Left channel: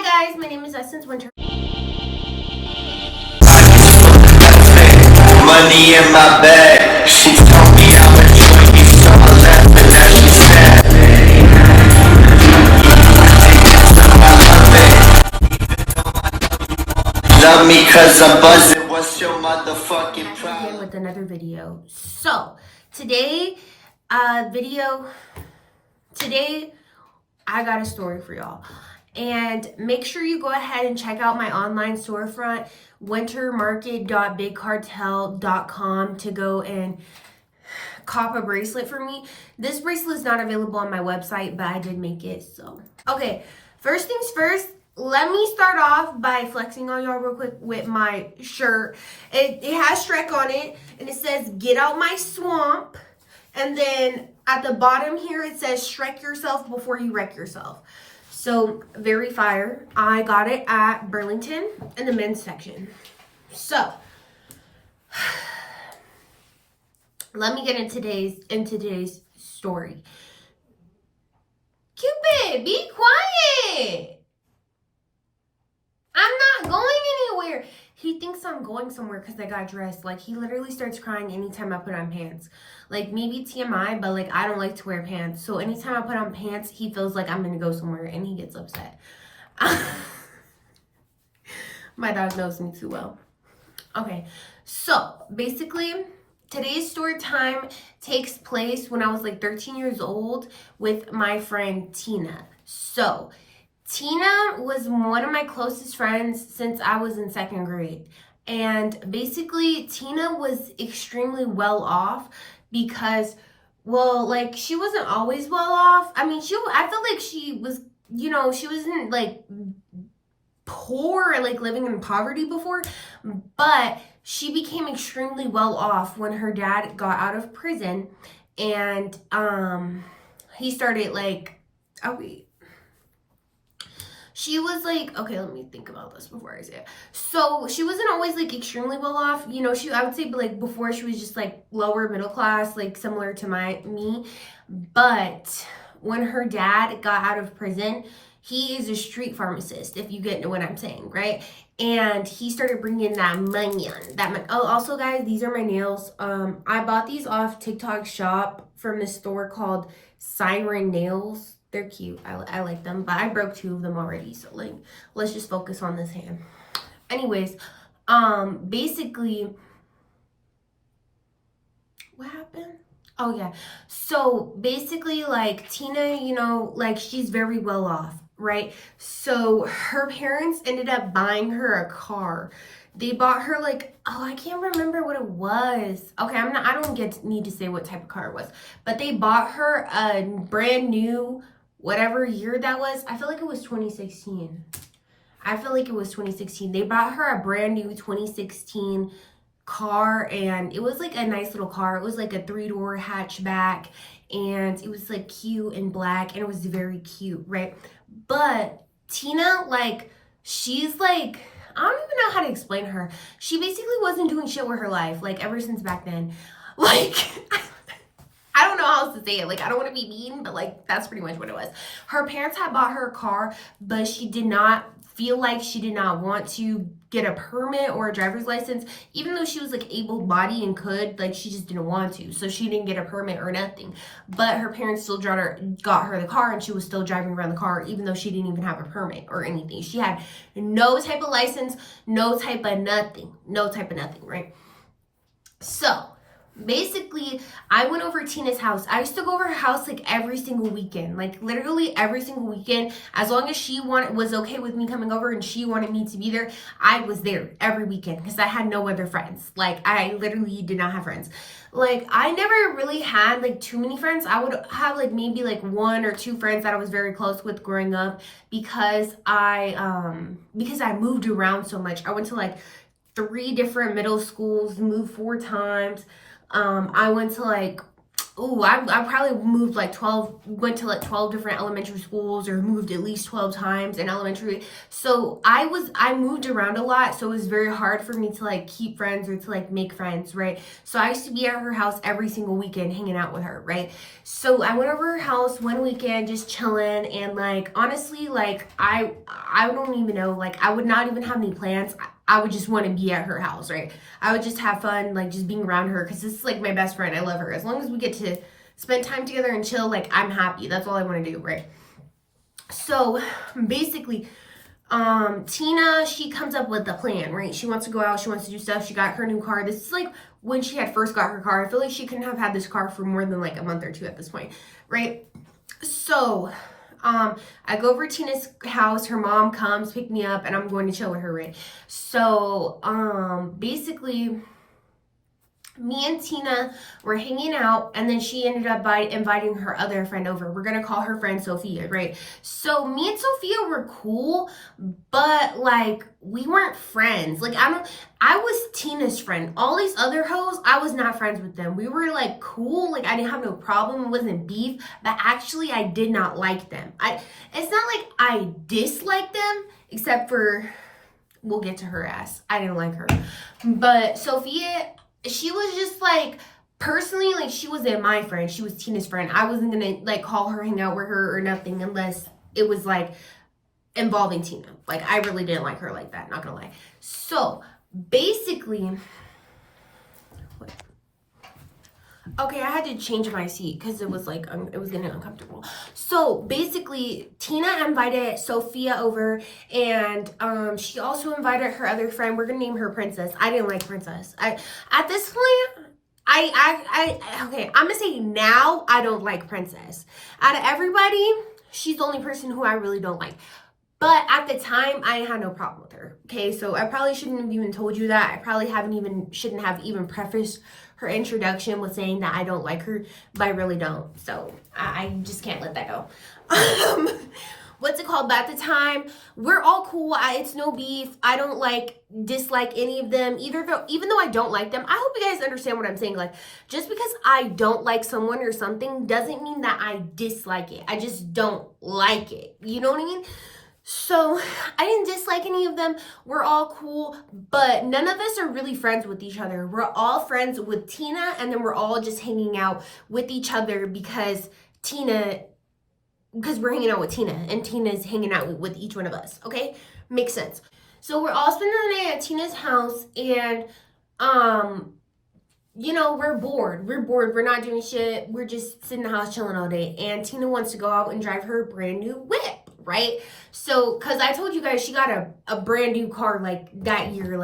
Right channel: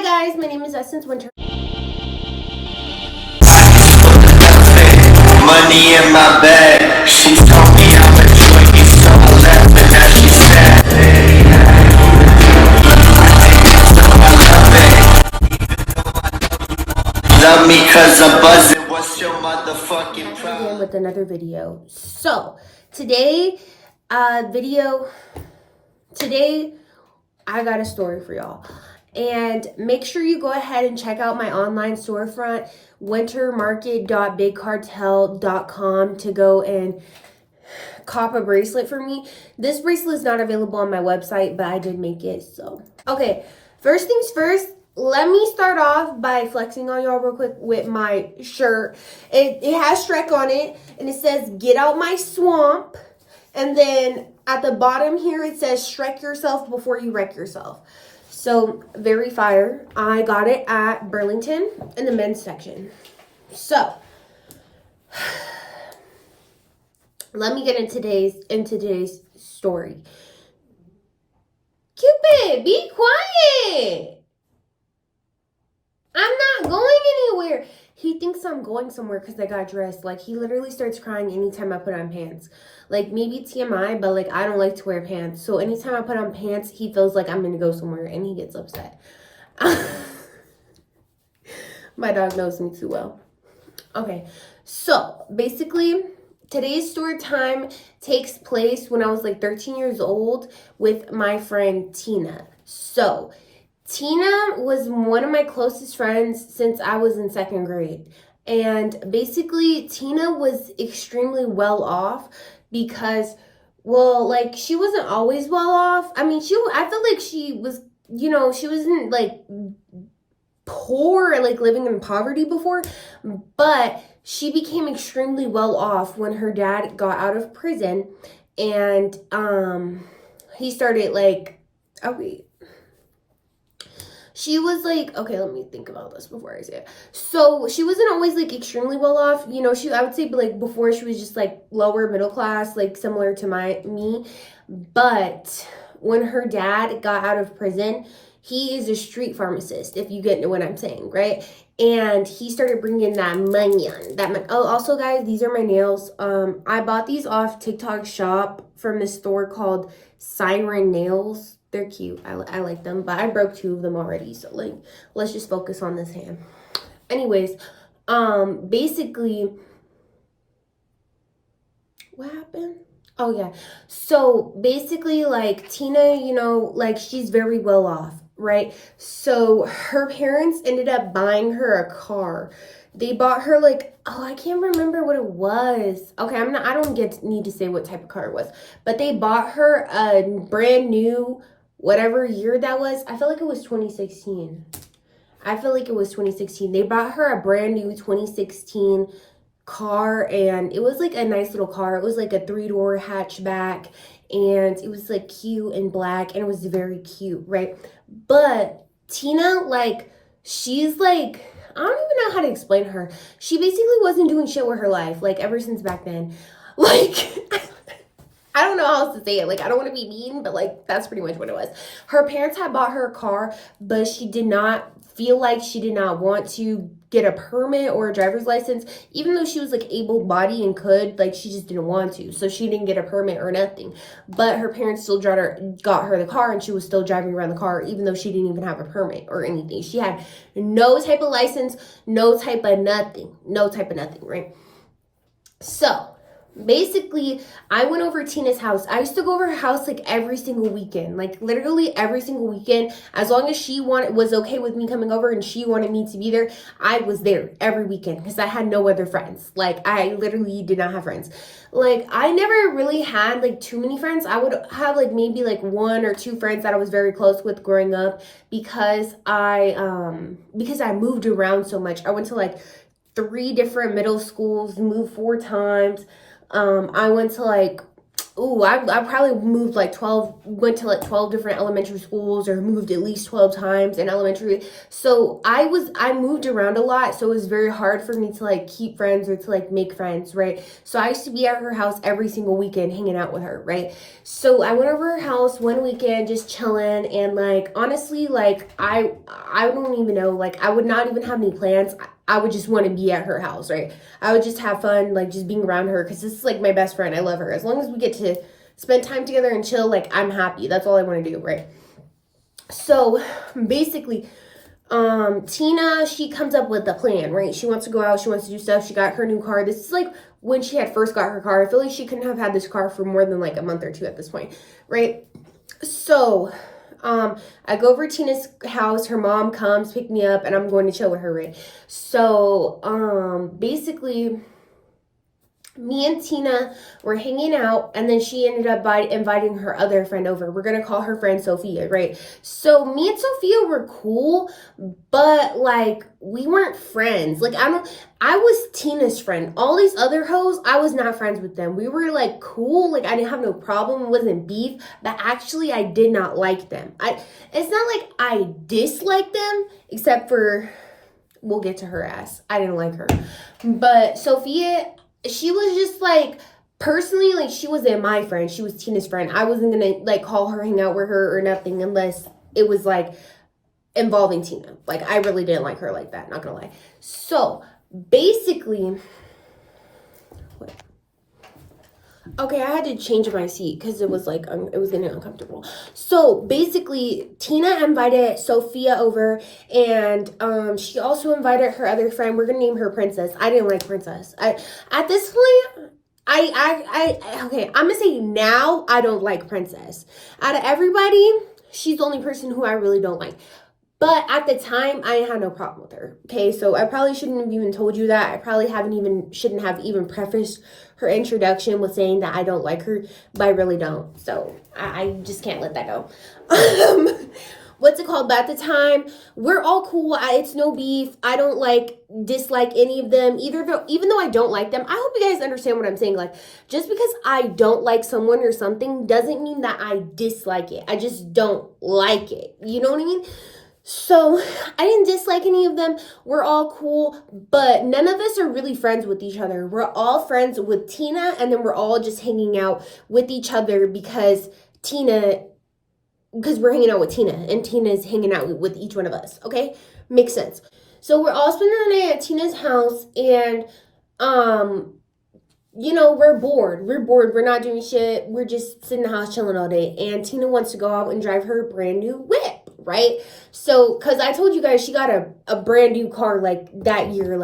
Hi guys, my name is Essence Winter. Money in my bag. She told me I'm a joint, so I left, and now she's sad. Love me cause I'm buzzing. What's your motherfucking problem? Again with another video. So today, today I got a story for y'all. And make sure you go ahead and check out my online storefront, wintermarket.bigcartel.com, to go and cop a bracelet for me. This bracelet is not available on my website, but I did make it. So, okay, first things first, let me start off by flexing on y'all real quick with my shirt. It has Shrek on it, and it says, "Get out my swamp." And then at the bottom here, it says, "Shrek yourself before you wreck yourself." So, very fire. I got it at Burlington in the men's section. So, let me get into today's story. Cupid, be quiet. I'm not going anywhere. He thinks I'm going somewhere because I got dressed. Like, he literally starts crying anytime I put on pants. Like, maybe TMI, but like, I don't like to wear pants. So anytime I put on pants, he feels like I'm gonna go somewhere and he gets upset. My dog knows me too well. Okay, so basically, today's story time takes place when I was like 13 years old with my friend Tina. So Tina was one of my closest friends since I was in second grade. And basically, Tina was extremely well off because, well, like, she wasn't always well off. I mean, I felt like she was, you know, she wasn't like poor or like living in poverty before, but she became extremely well off when her dad got out of prison. And he started like, oh wait, she was like, okay, let me think about this before I say it. So she wasn't always like extremely well off, you know. I would say, like, before she was just like lower middle class, like similar to me. But when her dad got out of prison, he is a street pharmacist, if you get what I'm saying, right? And he started bringing that money on that. Oh, also guys, these are my nails. I bought these off TikTok shop from this store called Siren Nails. They're cute. I like them, but I broke 2 of them already. So like, let's just focus on this hand. Anyways, basically, what happened? Oh yeah. So basically, like, Tina, you know, like, she's very well off, right? So her parents ended up buying her a car. They bought her like, oh, I can't remember what it was. Okay, I don't need to say what type of car it was, but they bought her a brand new, whatever year that was. I feel like it was 2016. They bought her a brand new 2016 car, and it was like a nice little car. It was like a 3-door hatchback, and it was like cute and black, and it was very cute, right? But Tina, like, she's like, I don't even know how to explain her. She basically wasn't doing shit with her life, like, ever since back then. Like, I don't know how else to say it. Like, I don't want to be mean, but like, that's pretty much what it was. Her parents had bought her a car, but she did not feel like she did not want to get a permit or a driver's license, even though she was like able-bodied and could, like, she just didn't want to. So she didn't get a permit or nothing. But her parents still got her the car, and she was still driving around the car, even though she didn't even have a permit or anything. She had no type of license, no type of nothing, right? So basically, I went over Tina's house. I used to go over her house like every single weekend, like literally every single weekend. As long as she was okay with me coming over and she wanted me to be there, I was there every weekend because I had no other friends. Like, I literally did not have friends. Like, I never really had like too many friends. I would have like maybe like 1 or 2 friends that I was very close with growing up because I moved around so much. I went to like 3 different middle schools, moved 4 times. I went to like Ooh, I probably moved like 12, went to like 12 different elementary schools, or moved at least 12 times in elementary. So I moved around a lot. So it was very hard for me to like keep friends or to like make friends, right? So I used to be at her house every single weekend hanging out with her, right? So I went over her house one weekend just chilling, and like honestly, like I don't even know, like I would not even have any plans. I would just want to be at her house, right? I would just have fun, like just being around her, because this is like my best friend. I love her. As long as we get to spend time together and chill, like I'm happy. That's all I want to do, right? So basically, Tina, she comes up with a plan, right? She wants to go out, she wants to do stuff. She got her new car. This is like when she had first got her car. I feel like she couldn't have had this car for more than like a month or two at this point, right? So I go over to Tina's house. Her mom comes pick me up, and I'm going to chill with her, right? So basically, me and Tina were hanging out, and then she ended up by inviting her other friend over. We're gonna call her friend Sophia, right? So me and Sophia were cool, but like we weren't friends. Like I was Tina's friend. All these other hoes, I was not friends with them. We were like cool, like I didn't have no problem. It wasn't beef, but actually I did not like them. It's not like I disliked them, except for, we'll get to her ass. I didn't like her. But Sophia, she was just like, personally, like she wasn't my friend. She was Tina's friend. I wasn't gonna like call her, hang out with her or nothing, unless it was like involving Tina. Like I really didn't like her like that, not gonna lie. So basically, okay, I had to change my seat because it was like it was getting uncomfortable. So basically, Tina invited Sophia over, and she also invited her other friend. We're gonna name her Princess. I didn't like Princess. At this point, okay, I'm gonna say now I don't like Princess. Out of everybody, she's the only person who I really don't like. But at the time, I had no problem with her. Okay, so I probably shouldn't have even told you that. I probably shouldn't have even prefaced her introduction with saying that I don't like her, but I really don't. So I just can't let that go. What's it called? But at the time, we're all cool. It's no beef. I don't dislike any of them even though I don't like them. I hope you guys understand what I'm saying. Like, just because I don't like someone or something doesn't mean that I dislike it. I just don't like it. You know what I mean? So I didn't dislike any of them. We're all cool, but none of us are really friends with each other. We're all friends with Tina, and then we're all just hanging out with each other because we're hanging out with Tina, and Tina's hanging out with each one of us. Okay? Makes sense. So we're all spending the night at Tina's house, and we're bored. We're not doing shit. We're just sitting in the house chilling all day. And Tina wants to go out and drive her brand new whip, right? So, because I told you guys she got a brand new car like that year,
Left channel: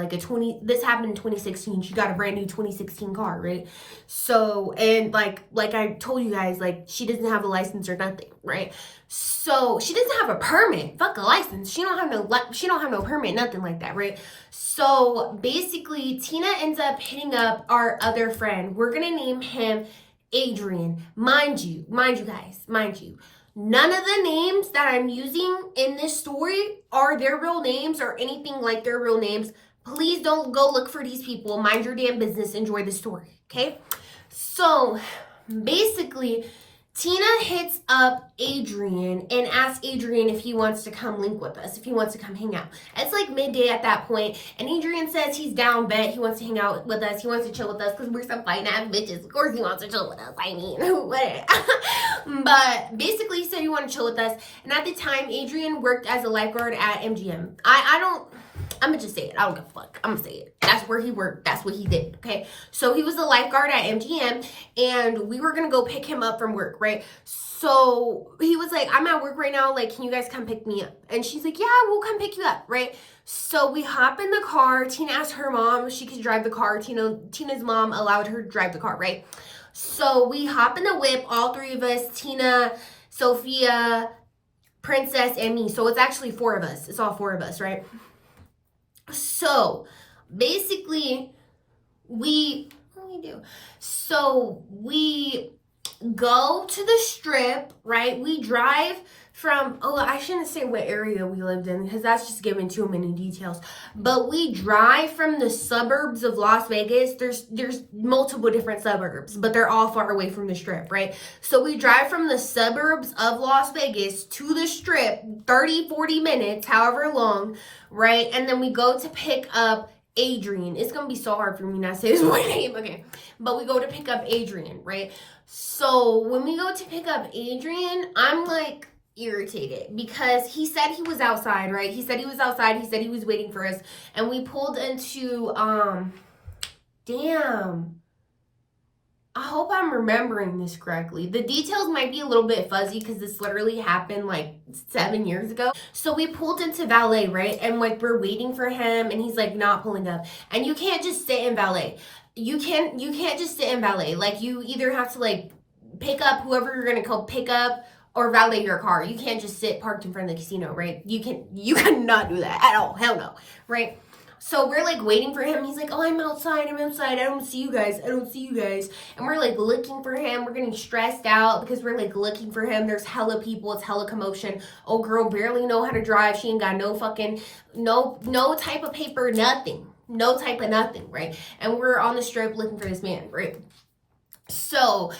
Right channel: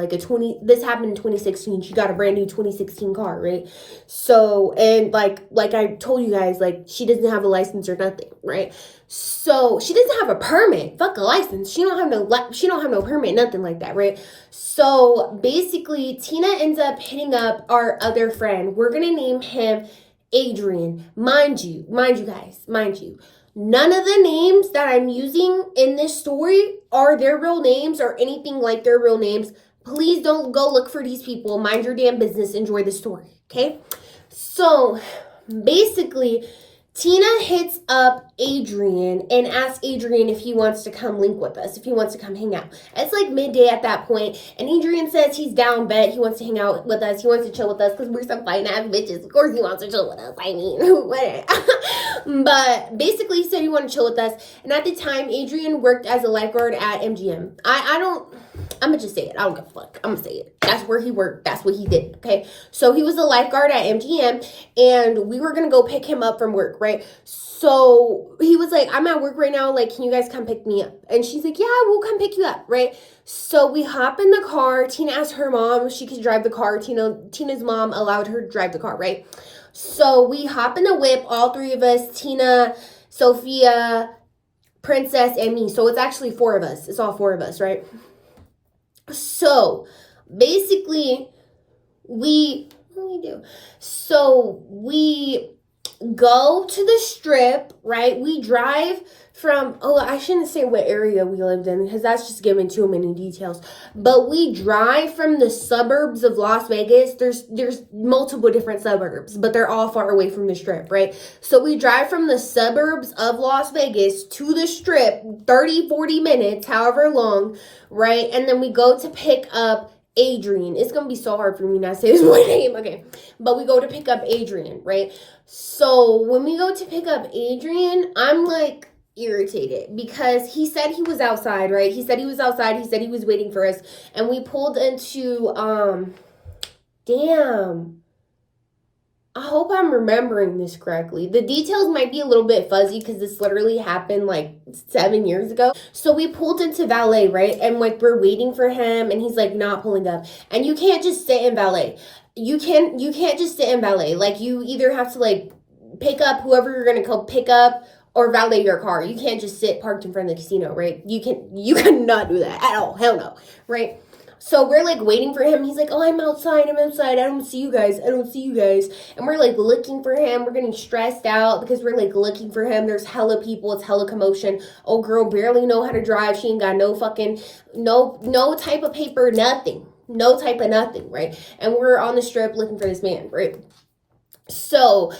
this happened in 2016. She got a brand new 2016 car, right? So, and like I told you guys, like she doesn't have a license or nothing, right? So she doesn't have a permit. Fuck a license. She don't have no permit, nothing like that, right? So basically, Tina ends up hitting up our other friend. We're gonna name him Adrian. Mind you, guys, none of the names that I'm using in this story are their real names or anything like their real names. Please don't go look for these people. Mind your damn business. Enjoy the story, okay? So basically, Tina hits up Adrian and asks Adrian if he wants to come link with us, if he wants to come hang out. It's like midday at that point, and Adrian says he's down bet. He wants to hang out with us. He wants to chill with us because we're some fine ass bitches. Of course he wants to chill with us. I mean, whatever. But basically he said he wanted to chill with us. And at the time, Adrian worked as a lifeguard at MGM. I'm gonna just say it. I don't give a fuck. I'm gonna say it. That's where he worked. That's what he did. Okay. So he was a lifeguard at MGM, and we were gonna go pick him up from work, right? So he was like, I'm at work right now. Like, can you guys come pick me up? And she's like, yeah, we'll come pick you up, right? So we hop in the car. Tina asked her mom if she could drive the car. Tina's mom allowed her to drive the car, right? So we hop in the whip, all three of us, Tina, Sophia, Princess, and me. So it's actually four of us. It's all four of us, right? So basically, what do we do? So we go to the strip, right? We drive from, oh, I shouldn't say what area we lived in because that's just giving too many details. But we drive from the suburbs of Las Vegas. There's multiple different suburbs, but they're all far away from the strip, right? So we drive from the suburbs of Las Vegas to the strip, 30, 40 minutes, however long, right? And then we go to pick up Adrian. It's gonna be so hard for me not to say his name, okay? But we go to pick up Adrian, right? So when we go to pick up Adrian, I'm like irritated because he said he was outside, right? He said he was outside. He said he was waiting for us, and we pulled into damn. I hope I'm remembering this correctly. The details might be a little bit fuzzy because this literally happened like 7 years ago. So we pulled into valet, right? And like we're waiting for him and he's like not pulling up. And you can't just sit in valet. You can't just sit in valet. Like you either have to like pick up whoever you're gonna go pick up or valet your car. You can't just sit parked in front of the casino, right? You cannot do that at all. Hell no, right? So we're like waiting for him. He's like, oh, I'm outside. I don't see you guys. And we're like looking for him. We're getting stressed out because we're like looking for him. There's hella people. It's hella commotion. Oh, girl barely know how to drive. She ain't got no fucking, no type of paper, nothing. No type of nothing, right? And we're on the strip looking for this man, right? So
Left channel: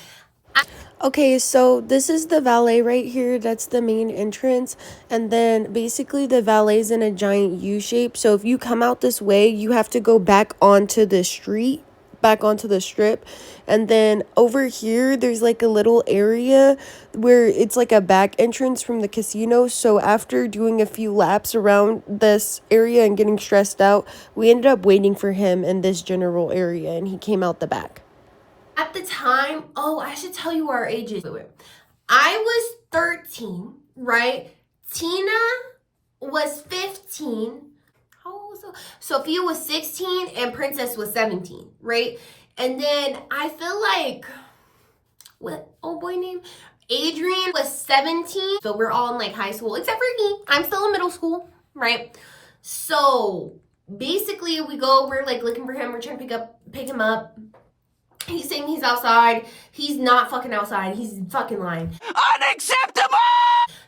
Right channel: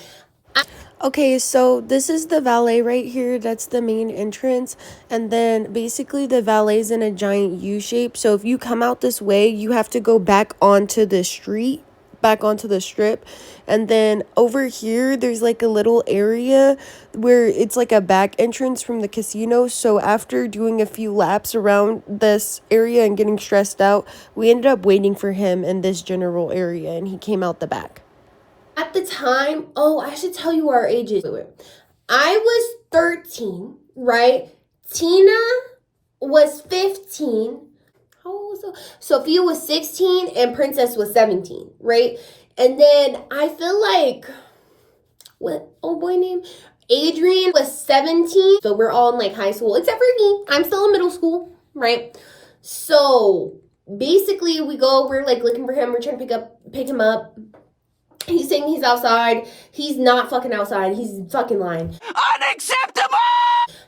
Okay, so this is the valet right here. That's the main entrance. And then basically the valet's in a giant U shape. So if you come out this way, you have to go back onto the street, back onto the strip. And then over here, there's like a little area where it's like a back entrance from the casino. So after doing a few laps around this area and getting stressed out, we ended up waiting for him in this general area and he came out the back. at the time, oh, I should tell you our ages. I was 13, right? Tina was 15. How old was Sophia was 16 and Princess was 17, right? And then I feel like, what old boy name? Adrian was 17. So we're all in like high school, except for me. I'm still in middle school, right? So basically we're like looking for him. We're trying to pick him up. He's saying he's outside. He's not fucking outside. He's fucking lying. Unacceptable!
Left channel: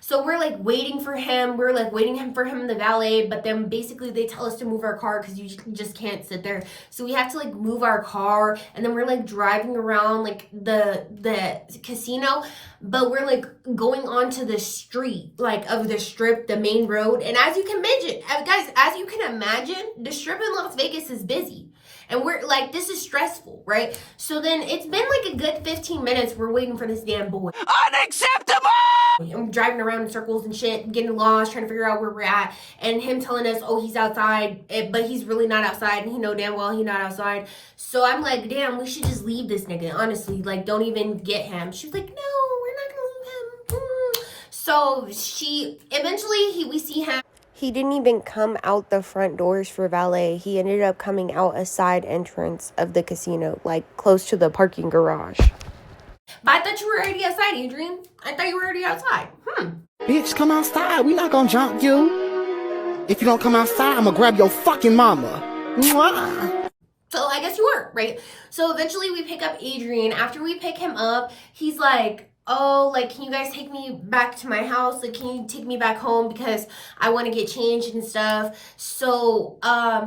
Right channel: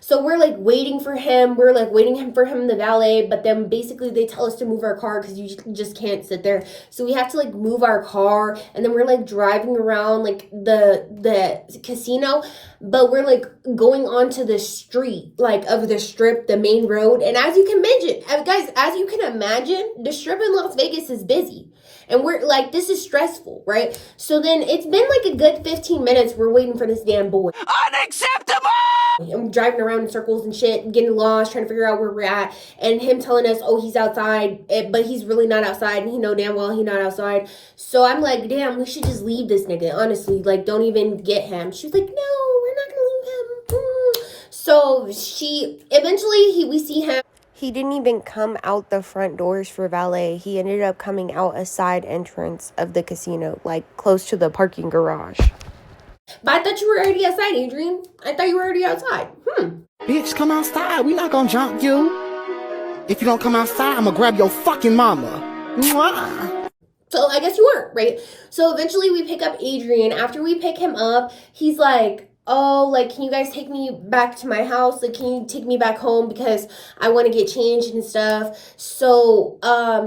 So we're like waiting for him. We're like waiting for him in the valet. But then basically they tell us to move our car because you just can't sit there. So we have to like move our car. And then we're like driving around like the casino. But we're like going onto the street like of the strip, the main road. And as you can imagine, the strip in Las Vegas is busy. And we're like, this is stressful, right? So then it's been like a good 15 minutes. We're waiting for this damn boy. Unacceptable! I'm driving around in circles and shit, getting lost, trying to figure out where we're at. And him telling us, oh, he's outside, but he's really not outside. And he know damn well he's not outside. So I'm like, damn, we should just leave this nigga, honestly. Like, don't even get him. She was like, no, we're not gonna leave him. So we see him. He didn't even come out the front doors for valet. He ended up coming out a side entrance of the casino, like close to the parking garage. But I thought you were already outside, Adrian. I thought you were already outside. Bitch, come outside. We not gonna jump you. If you don't come outside, I'm gonna grab your fucking mama. Mwah. So I guess you weren't, right? So eventually we pick up Adrian. After we pick him up, he's like, oh, like, can you guys take me back to my house? Like, can you take me back home because I want to get changed and stuff? So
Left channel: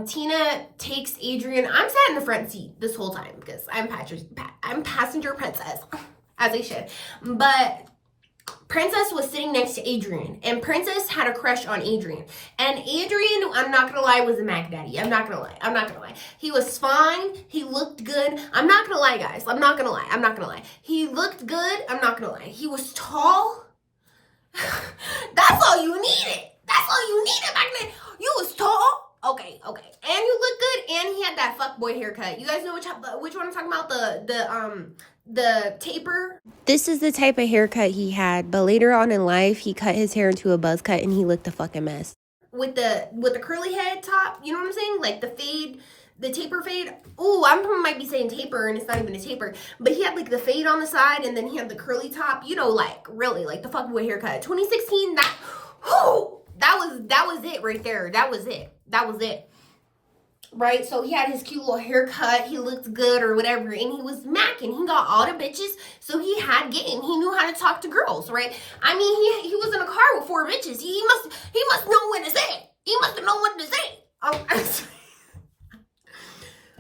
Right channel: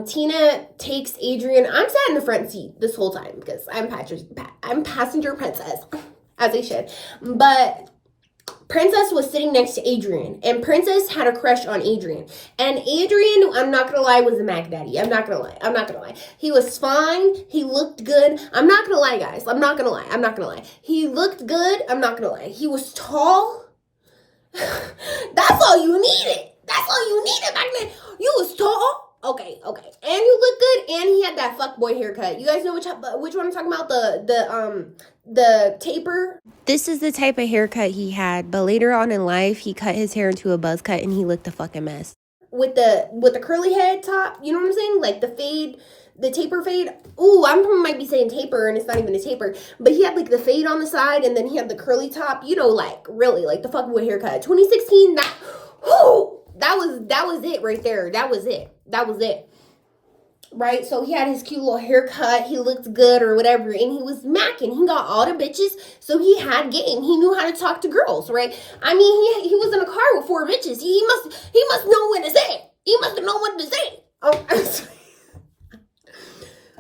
Tina takes Adrian. I'm sat in the front seat this whole time because I'm passenger princess, as I should. But Princess was sitting next to Adrian, and Princess had a crush on Adrian. And Adrian, I'm not gonna lie, was a Mac Daddy. I'm not gonna lie. He was fine. He looked good. I'm not gonna lie, guys. I'm not gonna lie. He looked good. I'm not gonna lie. He was tall. That's all you needed. Back then. You was tall. Okay. And you look good, and he had that fuckboy haircut. You guys know which one I'm talking about? The taper. This is the type of haircut he had, but later on in life, he cut his hair into a buzz cut and he looked a fucking mess. With the curly head top, you know what I'm saying? Like the fade, the taper fade. Ooh, I might be saying taper and it's not even a taper. But he had like the fade on the side and then he had the curly top, you know, like really like the fuckboy haircut. 2016, that was it right there. That was it. right? So he had his cute little haircut, he looked good or whatever, and he was macking. He got all the bitches, so he had game. He knew how to talk to girls, right? I mean, he was in a car with 4 bitches. He must know what to say. He must have known what to say.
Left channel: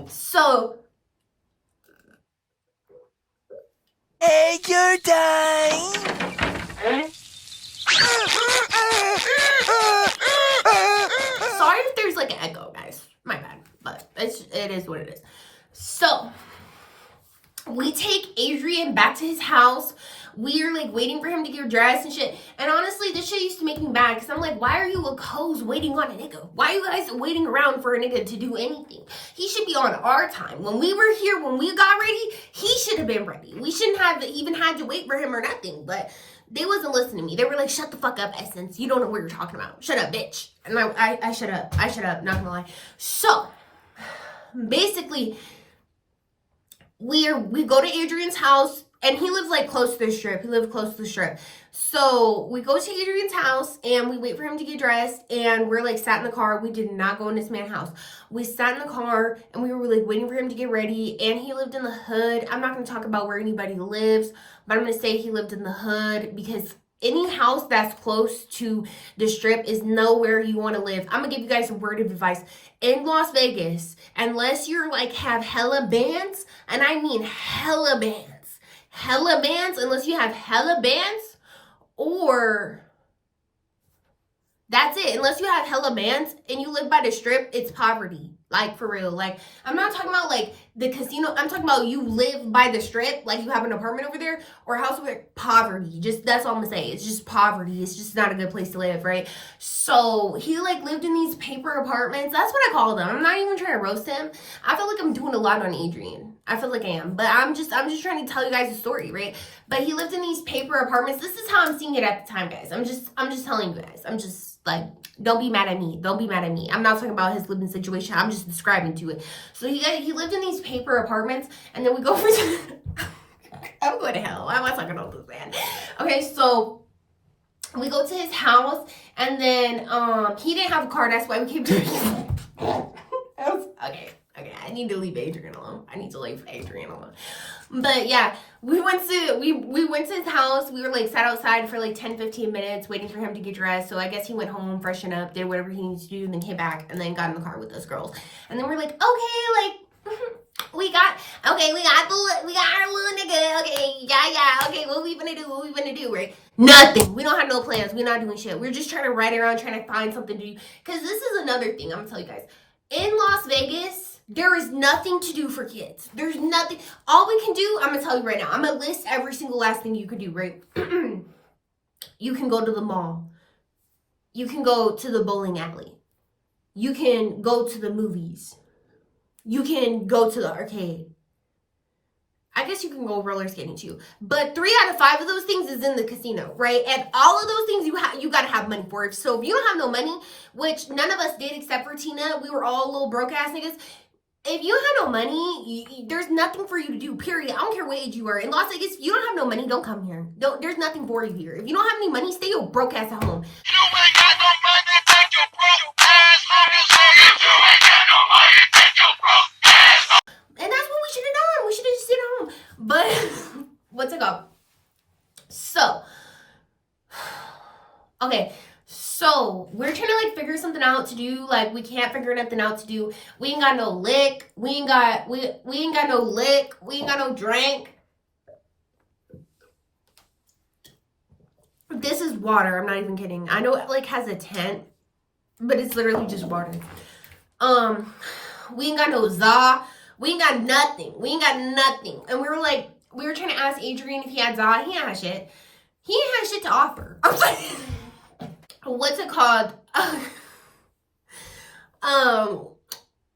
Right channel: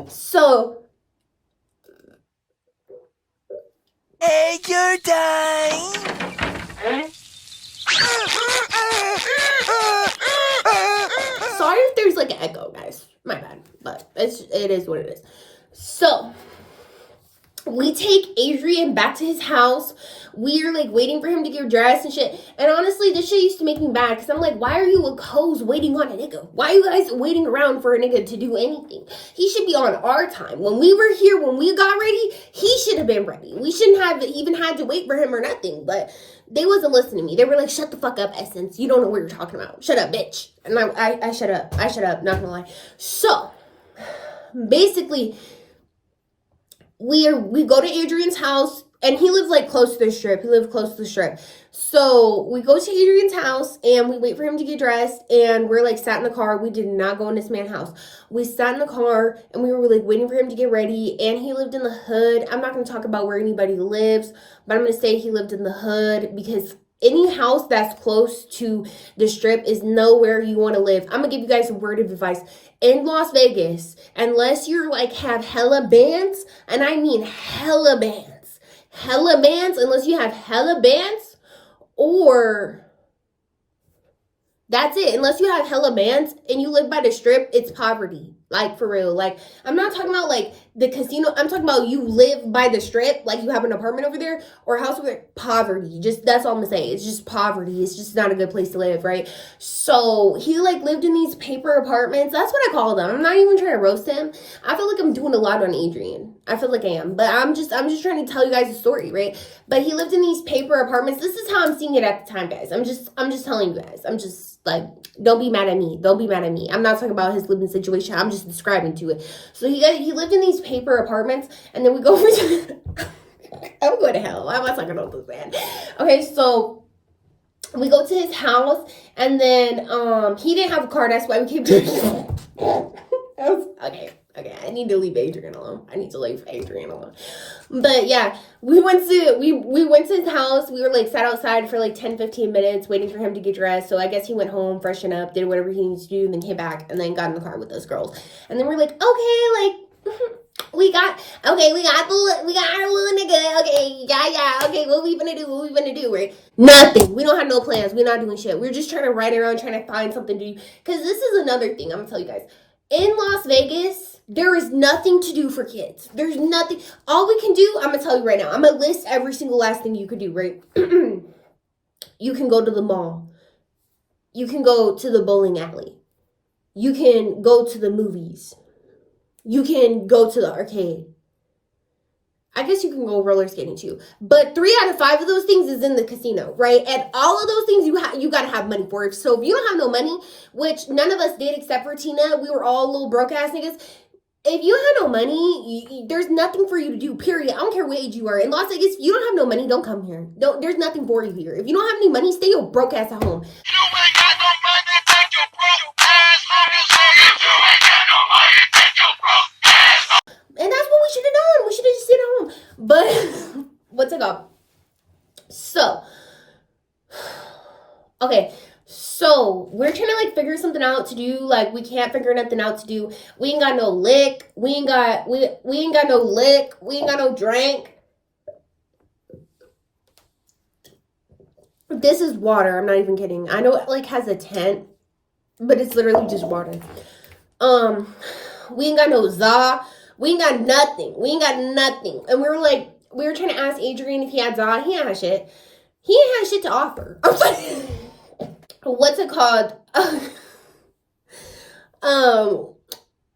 So Hey, you're dying. sorry if there's like an echo, guys. My bad, but it is what it is. So we take Adrian back to his house. We're like waiting for him to get dressed and shit. And honestly, this shit used to make me mad because I'm like, why are you a co's waiting on a nigga? Why are you guys waiting around for a nigga to do anything? He should be on our time. When we were here, when we got ready, he should have been ready. We shouldn't have even had to wait for him or nothing. But they wasn't listening to me. They were like, shut the fuck up, Essence. You don't know what you're talking about. Shut up, bitch. And I shut up. I shut up, not gonna lie. So basically, we go to Adrian's house, and he lives like close to the strip. He lived close to the strip. So we go to Adrian's house and we wait for him to get dressed, and we're like sat in the car. We did not go in this man's house. We sat in the car and we were like waiting for him to get ready, and he lived in the hood. I'm not going to talk about where anybody lives, but I'm going to say he lived in the hood because any house that's close to the strip is nowhere you want to live. I'm going to give you guys a word of advice. In Las Vegas, unless you're like have hella bands, and I mean hella bands, unless you have hella bands, or that's it. Unless you have hella bands and you live by the strip, it's poverty. Like, for real. Like, I'm not talking about, like, the casino. I'm talking about you live by the strip. Like, you have an apartment over there or a house over there. Poverty. Just, that's all I'm going to say. It's just poverty. It's just not a good place to live, right? So, he, like, lived in these paper apartments. That's what I call them. I'm not even trying to roast him. I feel like I'm doing a lot on Adrian. I feel like I am. But I'm just trying to tell you guys a story, right? But he lived in these paper apartments. This is how I'm seeing it at the time, guys. I'm just telling you guys. I'm just, like, don't be mad at me. Don't be mad at me. I'm not talking about his living situation. I'm just describing to it. So he lived in these paper apartments, and then we go over to I'm going to hell. Why am I talking about this man? Okay, so we go to his house, and then he didn't have a car. That's why we came to his okay. I need to leave Adrian alone. But yeah, we went to his house. We were like sat outside for like 10-15 minutes waiting for him to get dressed. So I guess he went home, freshened up, did whatever he needs to do, and then came back and then got in the car with those girls. And then we're like, okay, like we got our little nigga. Okay, yeah. Okay, what we gonna do, right? Nothing. We don't have no plans. We're not doing shit. We're just trying to ride around, trying to find something to do. Because this is another thing I'm gonna tell you guys. In Las Vegas, there is nothing to do for kids. There's nothing. All we can do, I'm going to tell you right now. I'm going to list every single last thing you could do, right? You can go to the mall. You can go to the bowling alley. You can go to the movies. You can go to the arcade. I guess you can go roller skating too. But 3 out of 5 of those things is in the casino, right? And all of those things you got to have money for. So if you don't have no money, which none of us did except for Tina, we were all little broke ass niggas. If you have no money, there's nothing for you to do, period. I don't care what age you are. In Las Vegas, if you don't have no money, don't come here. There's nothing for you here. If you don't have any money, stay your broke ass at home. You ain't got no money, take your broke ass home. You say if you ain't got no money, take your broke ass home. And that's what we should have done. We should have just stayed at home. But what's it called? So, okay. So, we're trying to, like, figure something out to do. Like, we can't figure nothing out to do. We ain't got no lick. We ain't got no lick. We ain't got no drink. This is water. I'm not even kidding. I know it, like, has a tent, but it's literally just water. We ain't got no za. We ain't got nothing. And we were trying to ask Adrian if he had za. He ain't had shit. He ain't had shit to offer. I was like... What's it called?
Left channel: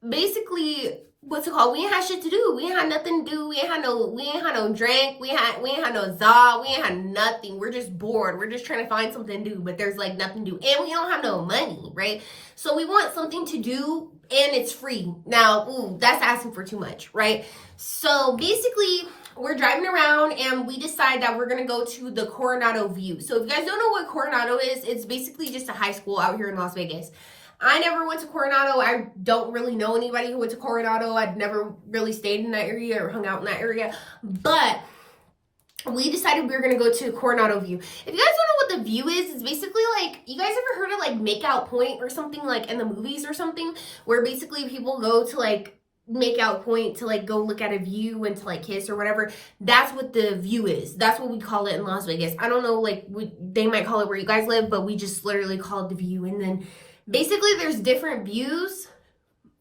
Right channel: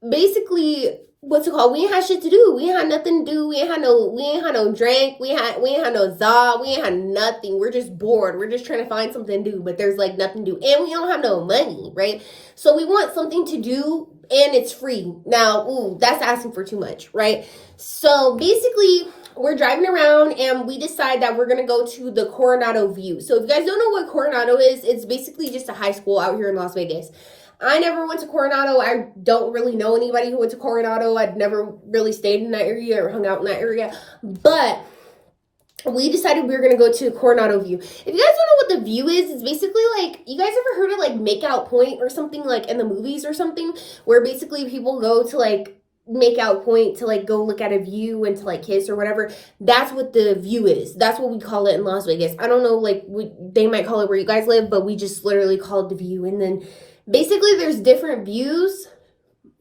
Basically, what's it called? We ain't had shit to do. We ain't had nothing to do. We ain't had no drink. We ain't had no za. We ain't had nothing. We're just bored. We're just trying to find something to do, but there's like nothing to do. And we don't have no money, right? So we want something to do and it's free. Now, ooh, that's asking for too much, right? So basically, we're driving around and we decide that we're going to go to the Coronado View. So if you guys don't know what Coronado is, it's basically just a high school out here in Las Vegas. I never went to Coronado. I don't really know anybody who went to Coronado. I'd never really stayed in that area or hung out in that area. But we decided we were gonna go to Coronado View. If you guys don't know what the view is, it's basically like, you guys ever heard of like Makeout Point or something, like in the movies or something, where basically people go to like Makeout Point to like go look at a view and to like kiss or whatever. That's what the view is. That's what we call it in Las Vegas. I don't know, like they might call it where you guys live, but we just literally call it the view. And then basically there's different views,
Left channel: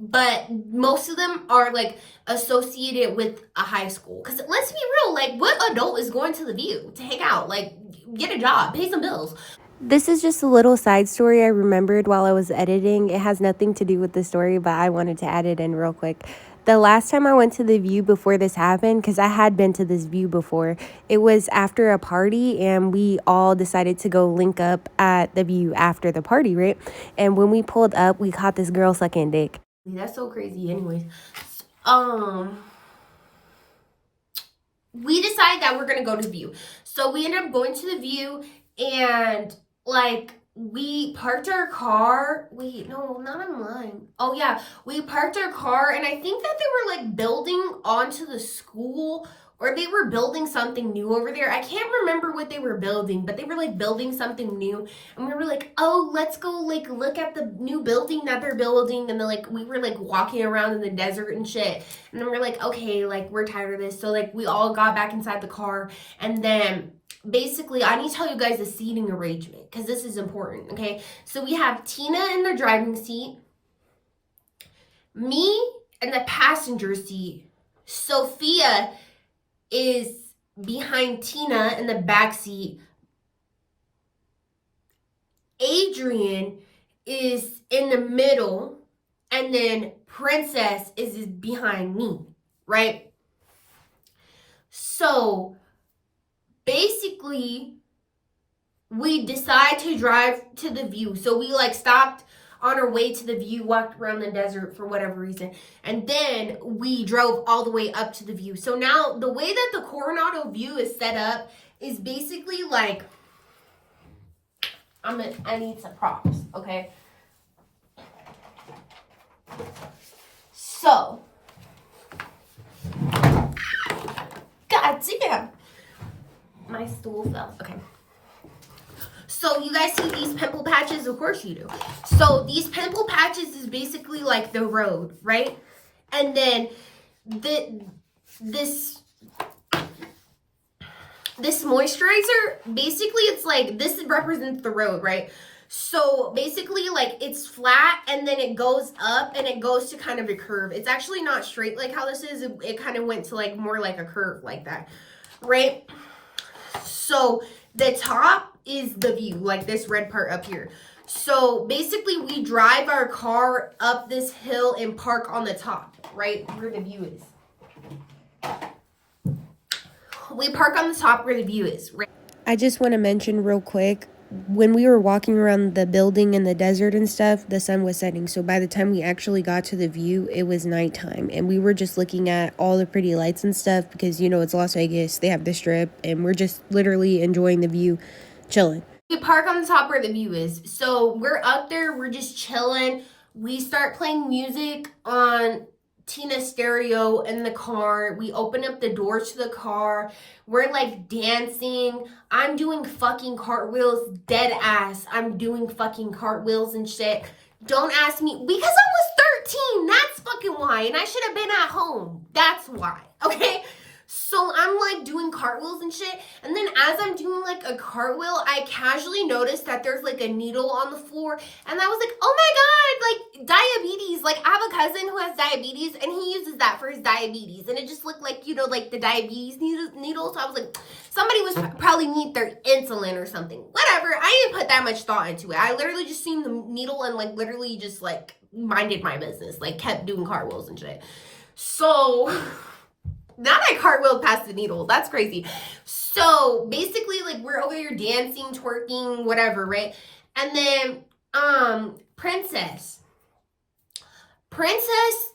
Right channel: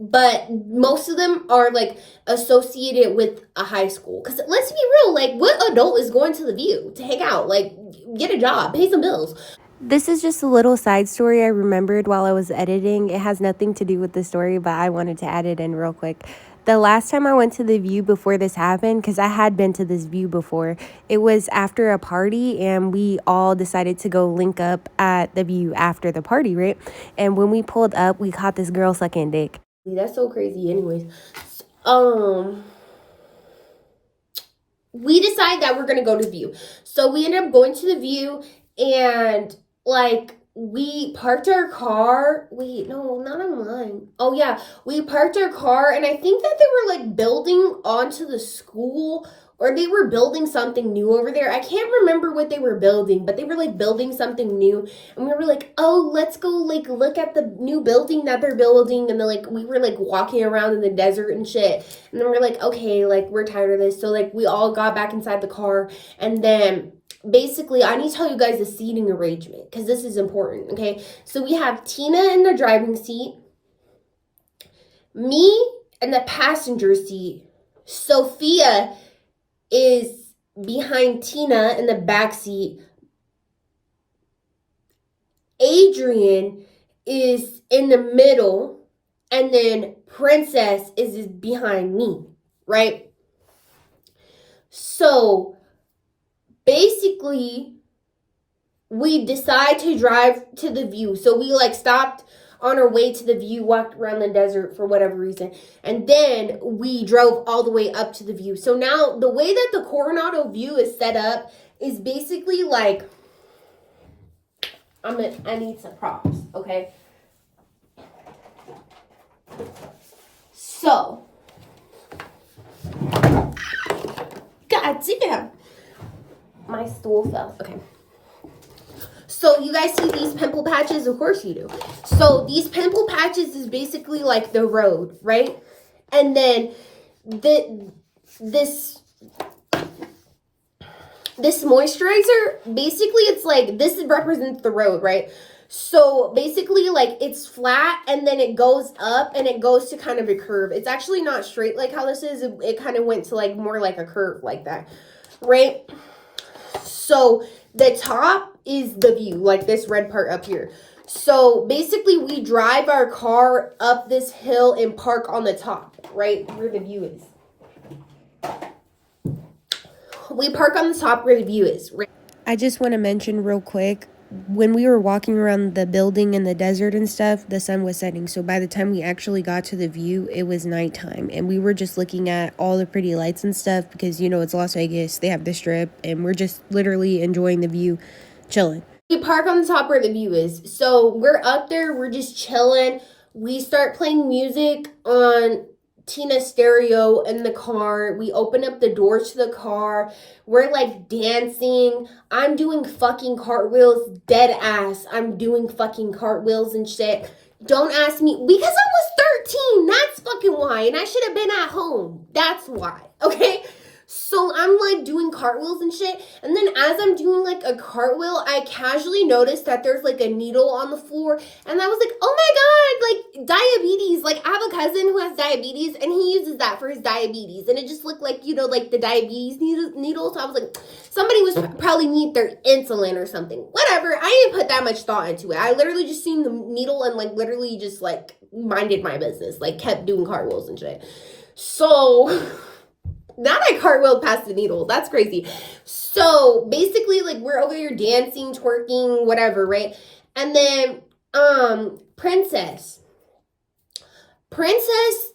but most of them are like associated with a high school. Because let's be real, like what adult is going to the view to hang out? Like get a job, pay some bills. This is just a little side story I remembered while I was editing. It has nothing to do with the story, but I wanted to add it in real quick. The last time I went to the view before this happened, because I had been to this view before, it was after a party, and we all decided to go link up at the view after the party, right? And when we pulled up, we caught this girl sucking dick. That's so crazy. Anyways, we decide that we're gonna go to the view. So we ended up going to the view, and like we parked our car. Wait, no, not online. Oh yeah, we parked our car, and I think that they were like building onto the school, or they were building something new over there. I can't remember what they were building, but they were like building something new, and we were like, oh, let's go like look at the new building that they're building. And then like we were like walking around in the desert and shit, and then we're like, okay, like we're tired of this. So like we all got back inside the car, and then basically I need to tell you guys the seating arrangement because this is important. Okay, so we have Tina in the driving seat, me in the passenger seat, Sophia is behind Tina in the back seat, Adrian is in the middle, and then Princess is behind me, right? So basically we decide to drive to the view. So we like stopped on our way to the view, walked around the desert for whatever reason, and then we drove all the way up to the view. So now the way that the Coronado View is set up is basically like, I need some props, okay? So, god damn, my stool fell. Okay. So you guys see these pimple patches? Of course you do. So these pimple patches is basically like the road, right? And then this moisturizer, basically it's like, this represents the road, right? So basically like it's flat and then it goes up and it goes to kind of a curve. It's actually not straight like how this is. It kind of went to like more like a curve like that, right? So the top is the view, like this red part up here. So basically we drive our car up this hill and park on the top, right where the view is. We park on the top where the view is. Right? I just want to mention real quick, when we were walking around the building in the desert and stuff, the sun was setting. So by the time we actually got to the view, it was nighttime. And we were just looking at all the pretty lights and stuff because, you know, it's Las Vegas. They have the strip. And we're just literally enjoying the view, chilling. We park on the top where the view is. So we're up there. We're just chilling. We start playing music on Tina's stereo in the car. We open up the doors to the car. We're like dancing. I'm doing fucking cartwheels, dead ass. I'm doing fucking cartwheels and shit. Don't ask me, because I was 13. That's fucking why. And I should have been at home. That's why. Okay? So I'm like doing cartwheels and shit. And then as I'm doing like a cartwheel, I casually noticed that there's like a needle on the floor. And I was like, oh my God, like diabetes. Like I have a cousin who has diabetes and he uses that for his diabetes. And it just looked like, you know, like the diabetes needle. So I was like, somebody was probably need their insulin or something. Whatever. I didn't put that much thought into it. I literally just seen the needle and like literally just like minded my business. Like kept doing cartwheels and shit. So... Not I cartwheeled past the needle. That's crazy. So basically, like we're over here dancing, twerking, whatever, right? And then, Princess,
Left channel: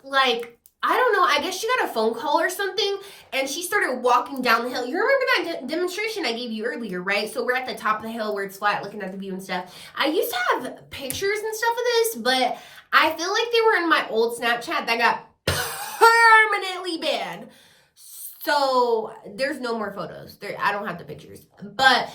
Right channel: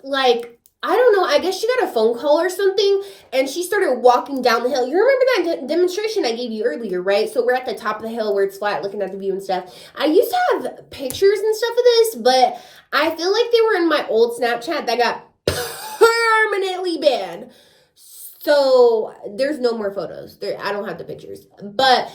like I don't know, I guess she got a phone call or something, and she started walking down the hill. You remember that demonstration I gave you earlier, right? So we're at the top of the hill where it's flat, looking at the view and stuff. I used to have pictures and stuff of this, but I feel like they were in my old Snapchat that got permanently banned. So there's no more photos. I don't have the pictures. But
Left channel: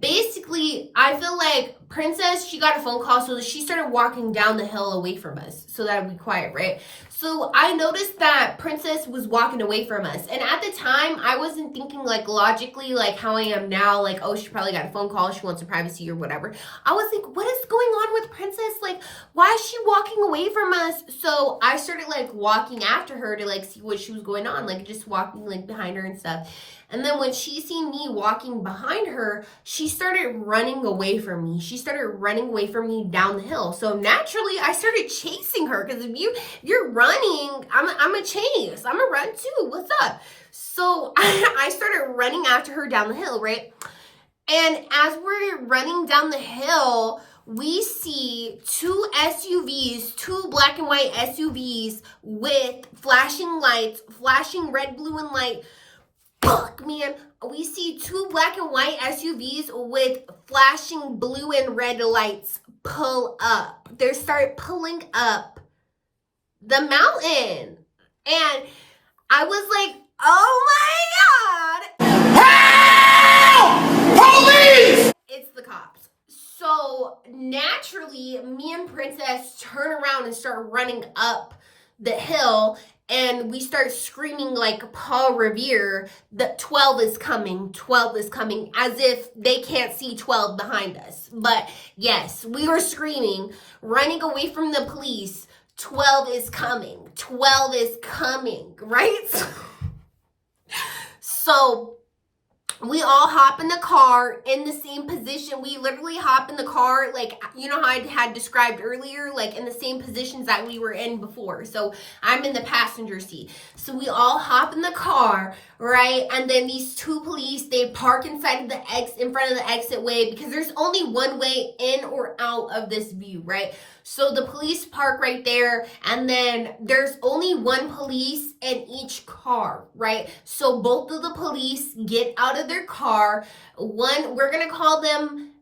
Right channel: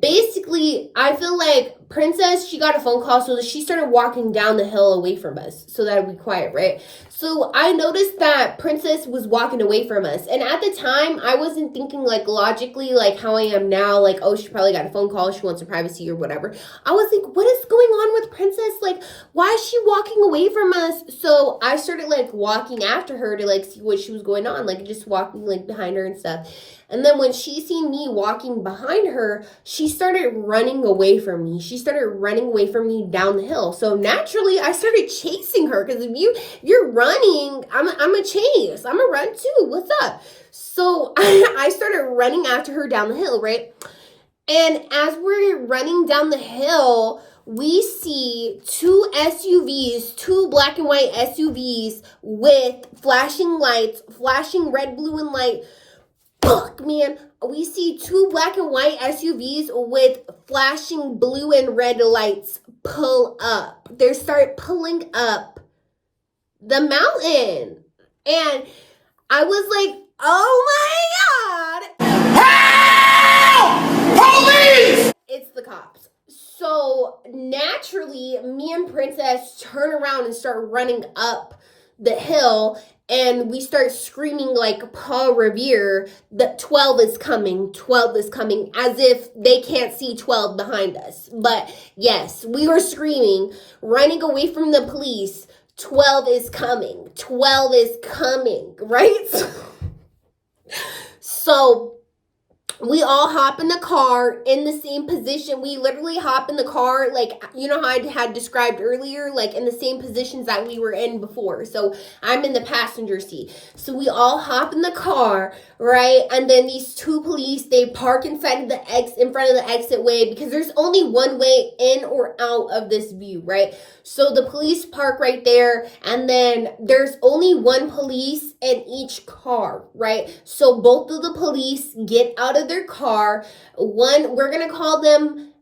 basically, I feel like Princess, she got a phone call, so she started walking down the hill away from us so that it'd be quiet, right? So I noticed that Princess was walking away from us. And at the time, I wasn't thinking like logically like how I am now, like, oh, she probably got a phone call, she wants her privacy or whatever. I was like, what is going on with Princess? Like, why is she walking away from us? So I started like walking after her to like see what she was going on, like just walking like behind her and stuff. And then when she seen me walking behind her, she started running away from me. She started running away from me down the hill. So naturally, I started chasing her because if you're running, I'm a chase. I'm a run too. What's up? So I started running after her down the hill, right? And as we're running down the hill, we see two SUVs, two black and white SUVs with flashing lights, flashing red, blue, and light. Fuck, man. We see two black and white SUVs with flashing blue and red lights pull up. They start pulling up the mountain. And I was like, oh my God. Help! Police! It's the cops. So naturally, me and Princess turn around and start running up the hill, and we start screaming like Paul Revere that 12 is coming, 12 is coming, as if they can't see 12 behind us. But yes, we were screaming, running away from the police, 12 is coming, 12 is coming, right? So we all hop in the car in the same position. We literally hop in the car, like, you know how I had described earlier, like in the same positions that we were in before. So I'm in the passenger seat. So we all hop in the car, right? And then these two police, they park inside of the in front of the exit way, because there's only one way in or out of this view, right? So the police park right there, and then there's only one police in each car, right? So both of the police get out of their car. One, we're gonna call them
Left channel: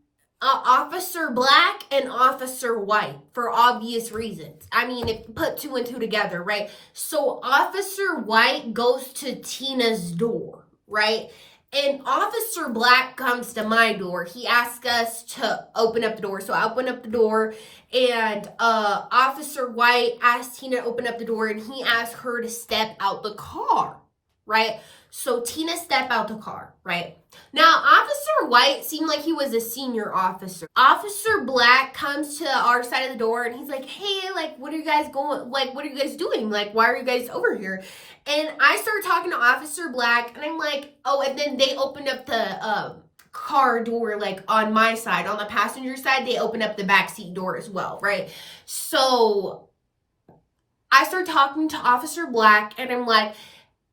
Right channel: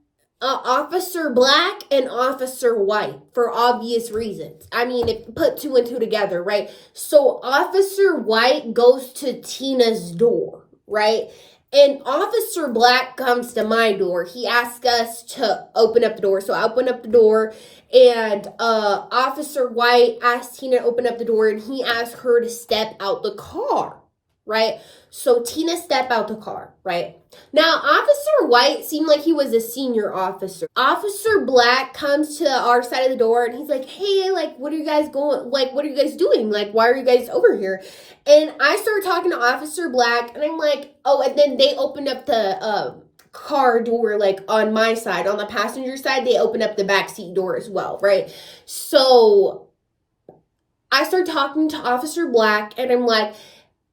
Officer Black and Officer White for obvious reasons. I mean, if put two and two together, right? So Officer White goes to Tina's door, right? And Officer Black comes to my door. He asks us to open up the door. So I open up the door, and Officer White asked Tina to open up the door, and he asked her to step out the car, right? So Tina stepped out the car, right? Now, Officer White seemed like he was a senior officer. Officer Black comes to our side of the door, and he's like, hey, like, what are you guys doing? Like, why are you guys over here? And I started talking to Officer Black, and I'm like, oh, and then they opened up the car door, like on my side, on the passenger side, they opened up the back seat door as well, right? So I started talking to Officer Black, and I'm like,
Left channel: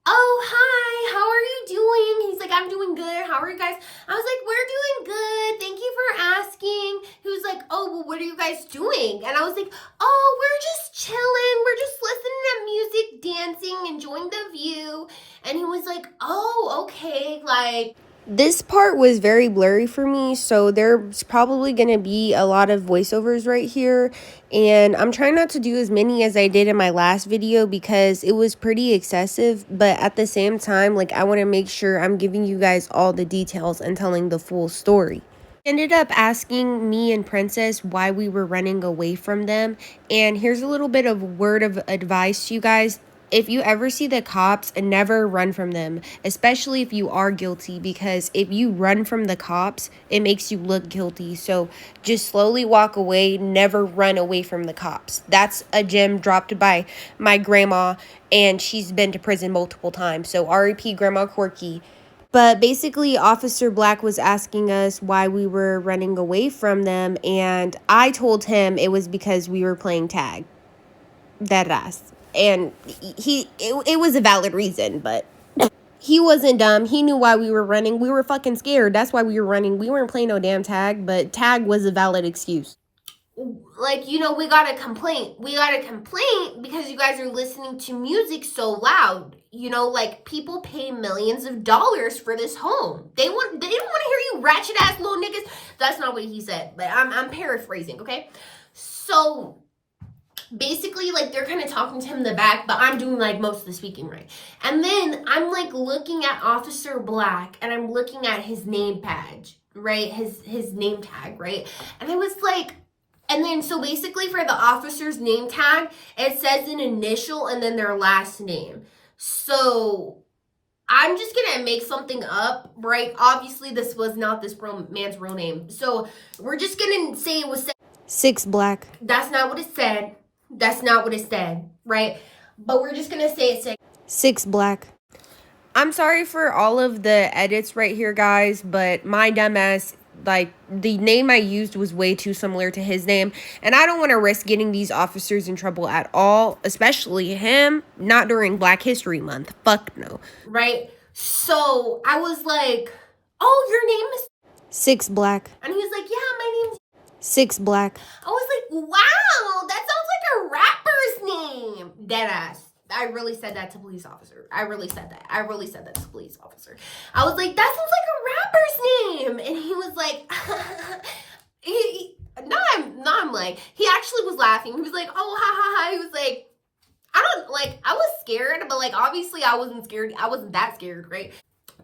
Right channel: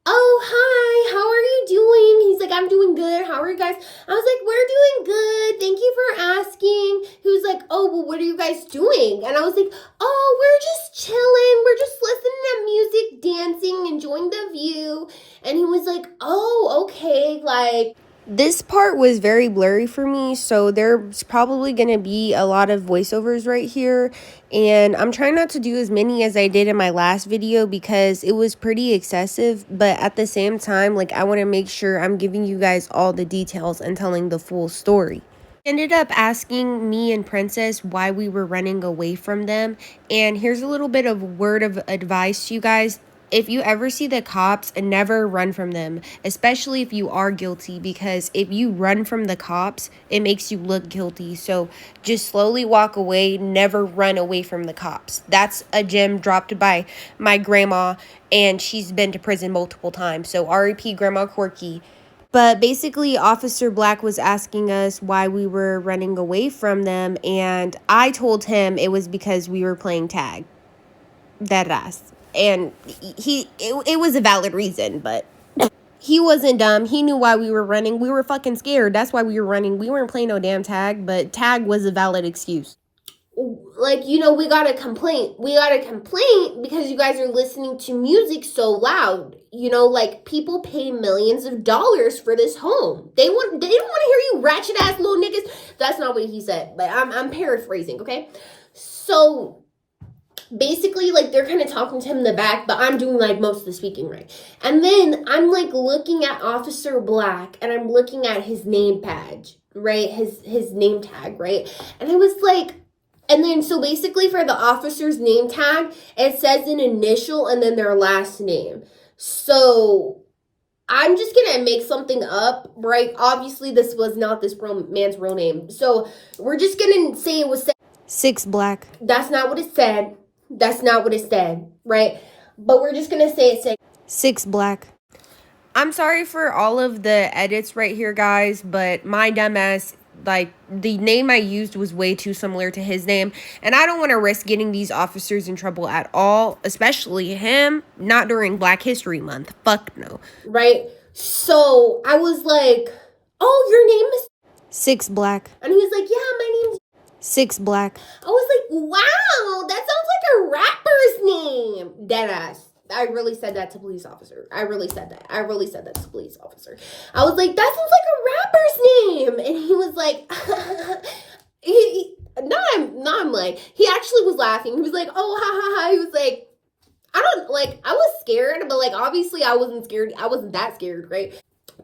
oh, hi, how are you doing? He's like, I'm doing good. How are you guys? I was like, we're doing good. Thank you for asking. He was like, oh, well, what are you guys doing? And I was like, oh, we're just chilling. We're just listening to music, dancing, enjoying the view. And he was like, oh, okay, like, This part was very blurry for me, so there's probably going to be a lot of voiceovers right here, and I'm trying not to do as many as I did in my last video because it was pretty excessive, but at the same time, like, I want to make sure I'm giving you guys all the details and telling the full story. Ended up asking me and Princess why we were running away from them, and here's a little bit of word of advice to you guys. If you ever see the cops, never run from them, especially if you are guilty, because if you run from the cops, it makes you look guilty. So just slowly walk away, never run away from the cops. That's a gem dropped by my grandma, and she's been to prison multiple times. So R.I.P. Grandma Corky. But basically, Officer Black was asking us why we were running away from them, and I told him it was because we were playing tag. That ass. And it was a valid reason, but he wasn't dumb. He knew why we were running. We were fucking scared. That's why we were running. We weren't playing no damn tag, but tag was a valid excuse. like, you know, we got a complaint. We got a complaint because you guys are listening to music so loud. You know, like, people pay millions of dollars for this home. They don't want to hear you ratchet ass little niggas. That's not what he said, but I'm paraphrasing, okay? So basically, like, they're kind of talking to him in the back, but I'm doing like most of the speaking, right? And then I'm like looking at Officer Black, and I'm looking at his name badge, right? His name tag, right? And I was like, and then so basically for the officer's name tag, it says an initial and then their last name. So I'm just gonna make something up, right? Obviously, this was not this man's real name. So we're just gonna say it was 6 Black. That's not what it said. That's not what it said, right? But we're just gonna say it said 6 Black. I'm sorry for all of the edits right here, guys, but my dumbass, like, the name I used was way too similar to his name, and I don't want to risk getting these officers in trouble at all, especially him, not during Black History Month. Fuck no. right? So I was like, oh, your name is 6 Black. and he was like, yeah, my name's 6 Black. I was like, wow, that sounds like a rapper's name. Deadass. I really said that to police officer. I really said that to police officer. I was like, that sounds like a rapper's name. And he was like, I'm like, he actually was laughing. He was like, oh, ha, ha, ha. He was like, I was scared, but like, obviously I wasn't scared. I wasn't that scared, right?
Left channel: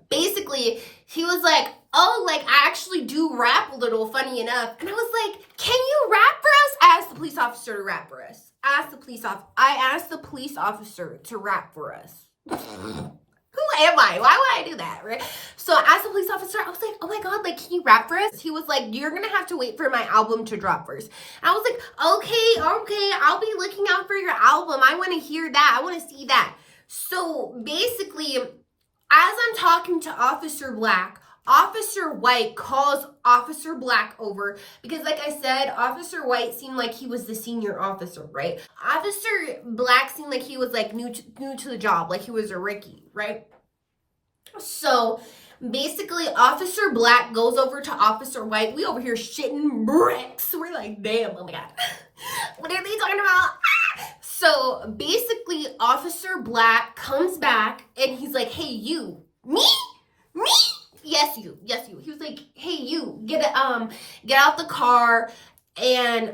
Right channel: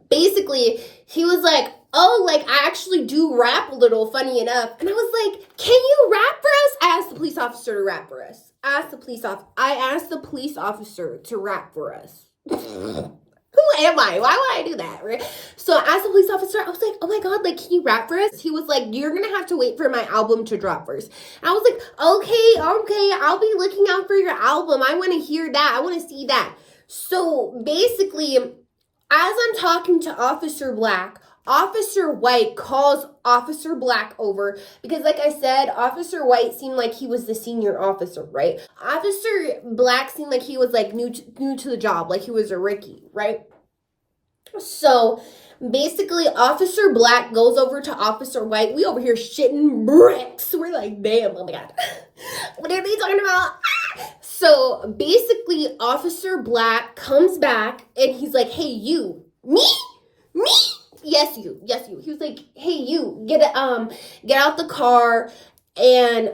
Basically, he was like, oh, like, I actually do rap a little, funny enough. And I was like, can you rap for us? I asked the police officer to rap for us. I asked the police officer to rap for us. Who am I? Why would I do that, right? So I asked the police officer, I was like, oh my God, like, can you rap for us? He was like, you're gonna have to wait for my album to drop first. And I was like, okay, I'll be looking out for your album. I wanna hear that. I wanna see that. So basically, as I'm talking to Officer Black, Officer White calls Officer Black over because, like I said, Officer White seemed like he was the senior officer, right? Officer Black seemed like he was like new to the job, like he was a rookie, right? So basically, Officer Black goes over to Officer White. We over here shitting bricks. We're like, damn, oh my God. What are they talking about? So basically, Officer Black comes back and he's like, hey, you. Me? Yes, you. He was like, hey, you, get out the car and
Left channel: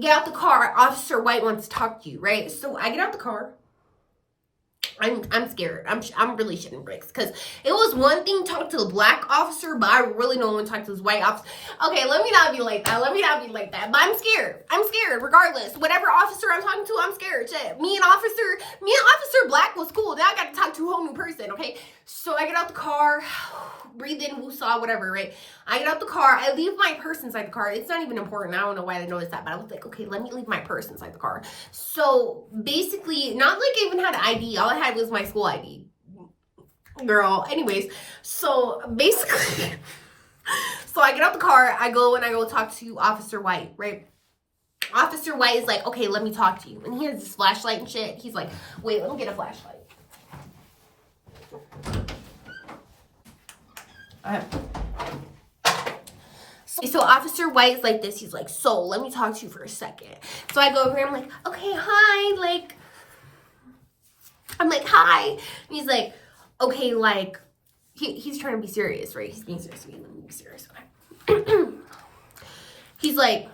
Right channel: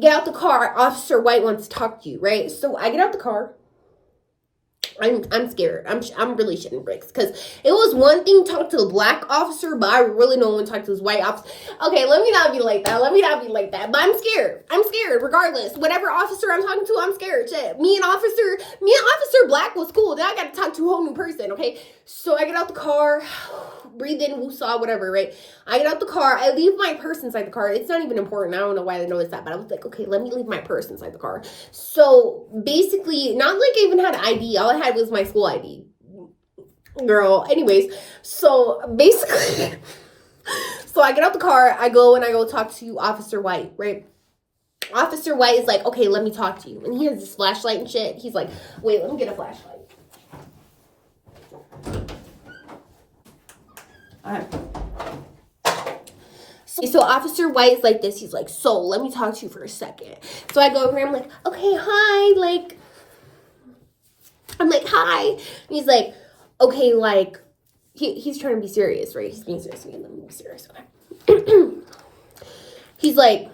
get out the car. Officer White wants to talk to you, right? So I get out the car. I'm scared. I'm really shitting bricks because it was one thing to talk to the black officer, but I really don't want to talk to this white officer. Okay, let me not be like that. But I'm scared. Regardless. Whatever officer I'm talking to, I'm scared. Shit. Me and Officer Black was cool. Now I got to talk to a whole new person. Okay, so I get out the car, breathe in, woosah, whatever. Right? I get out the car. I leave my purse inside the car. It's not even important. I don't know why they noticed that, but I was like, okay, let me leave my purse inside the car. So basically, not like I even had ID. All I had was my school ID. Girl. Anyways, so basically, so I get out the car. I go talk to Officer White, right? Officer White is like, okay, let me talk to you. And he has this flashlight and shit. He's like, wait, let me get a flashlight. So Officer White is like this. He's like, so let me talk to you for a second. So I go over here. I'm like, okay, hi. Like, I'm like, hi. And he's like, okay, like, he's trying to be serious, right? He's being serious. Okay, let me be serious. Okay. He's like,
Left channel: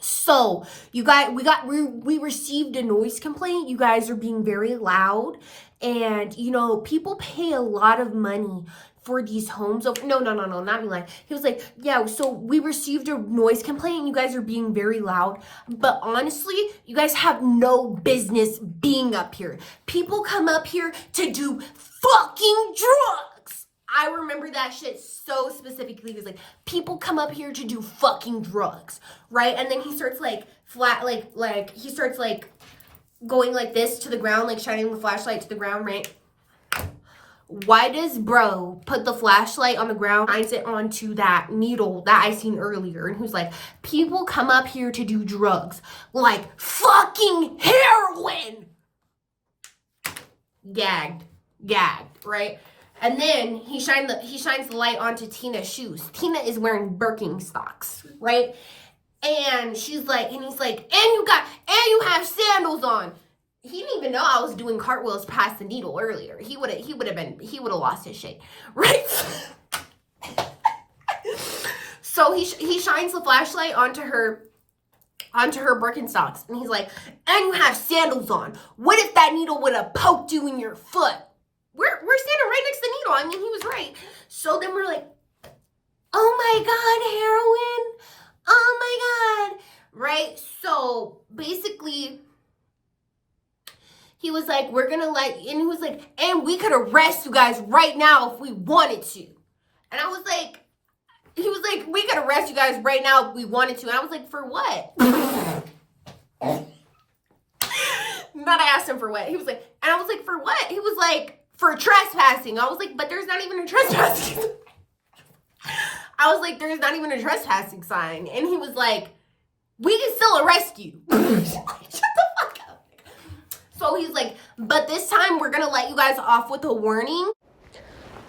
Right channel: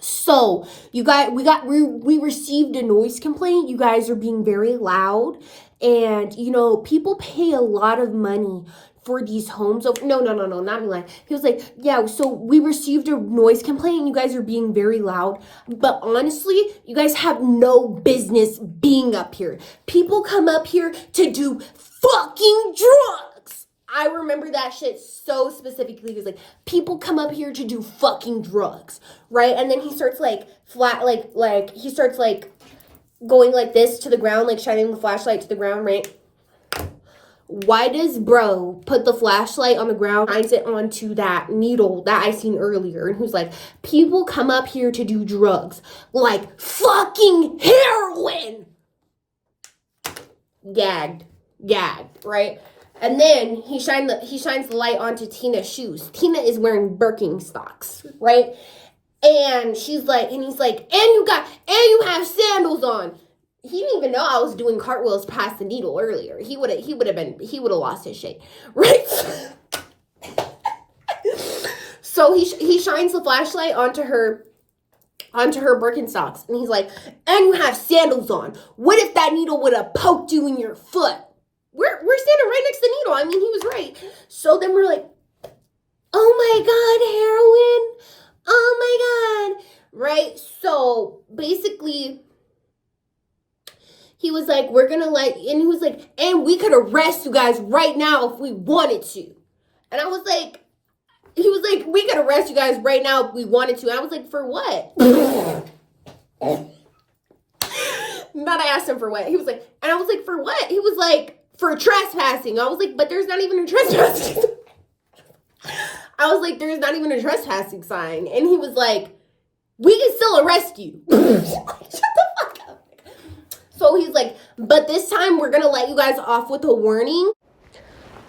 so we received a noise complaint. You guys are being very loud. And, you know, people pay a lot of money for these homes. No, not me lying. He was like, yeah, so we received a noise complaint and you guys are being very loud. But honestly, you guys have no business being up here. People come up here to do fucking drugs. I remember that shit so specifically. He was like, people come up here to do fucking drugs, right? And then he starts like he starts like going like this to the ground, like shining the flashlight to the ground, right? Why does bro put the flashlight on the ground, shines it onto that needle that I seen earlier? And who's like, people come up here to do drugs, like fucking heroin. Gagged, right? And then he shines the light onto Tina's shoes. Tina is wearing Birkenstocks, right? And she's like, and he's like, and you have sandals on. He didn't even know I was doing cartwheels past the needle earlier. He would have lost his shit, right? So he shines the flashlight onto her Birkenstocks, and he's like, and you have sandals on. What if that needle would have poked you in your foot? We're standing right next to the needle. I mean, he was right. So then we're like, oh my God, heroin. Oh my God. Right? So basically, he was like, we're gonna and he was like, and we could arrest you guys right now if we wanted to. And I was like, he was like, we could arrest you guys right now if we wanted to. And I was like, for what? Not I asked him for what. He was like, and I was like, for what? He was like, for trespassing. I was like, but there's not even a trespassing. I was like, there's not even a trespassing sign. And he was like, we can still arrest you. Shut the fuck up. So he's like, but this time we're going to let you guys off with a warning.